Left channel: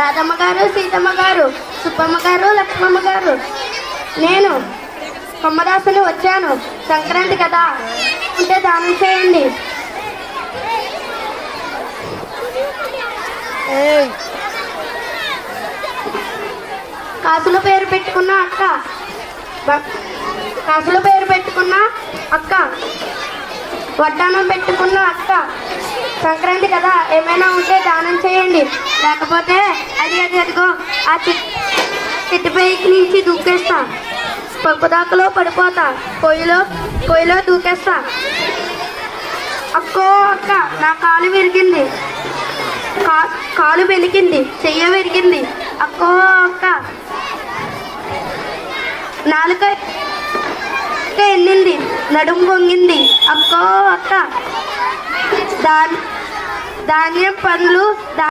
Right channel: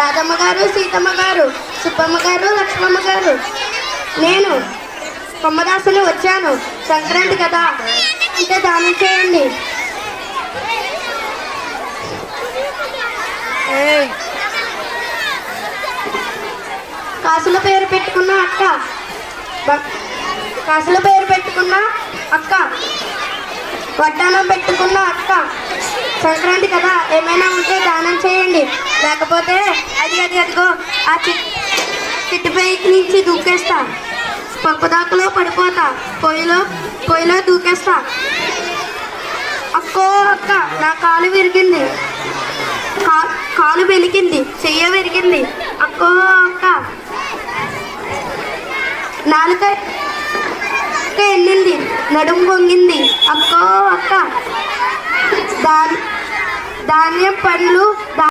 రాధమ్మ గారు, సీతమ్మ గారు, సుబ్బమ్మ గారు, లక్ష్మమ్మ గారు. నేను కొమ్మదాసుని వచ్చాను. సంక్రాంతి కదా అంటే దానం చేయండి. కాసుల పేరు పెట్టుకున్న అక్క, కాసుల పేరు పెట్టుకున్న అక్క, వడ్డానం పెట్టుకున్న అక్క, సంక్రాంతి కదా ఏమైనా ఉంటే దానం చేయండి. లేకపోతే అదిగో ఆ చిట్టుపైకి నుంచి దూకేస్తా, పప్పుదాకులో పడిపోతా, పొయ్యిలో దూకేస్తా. అక్కో అక్క, నా కాలు విరిగింది, కాలు వెలిగింది, చెయ్య విరిగింది. అక్కో అక్క, నాలుక ఎన్నింది, నడుము పొంగింది. అక్కో అక్క, ధాన్యం పండ్లు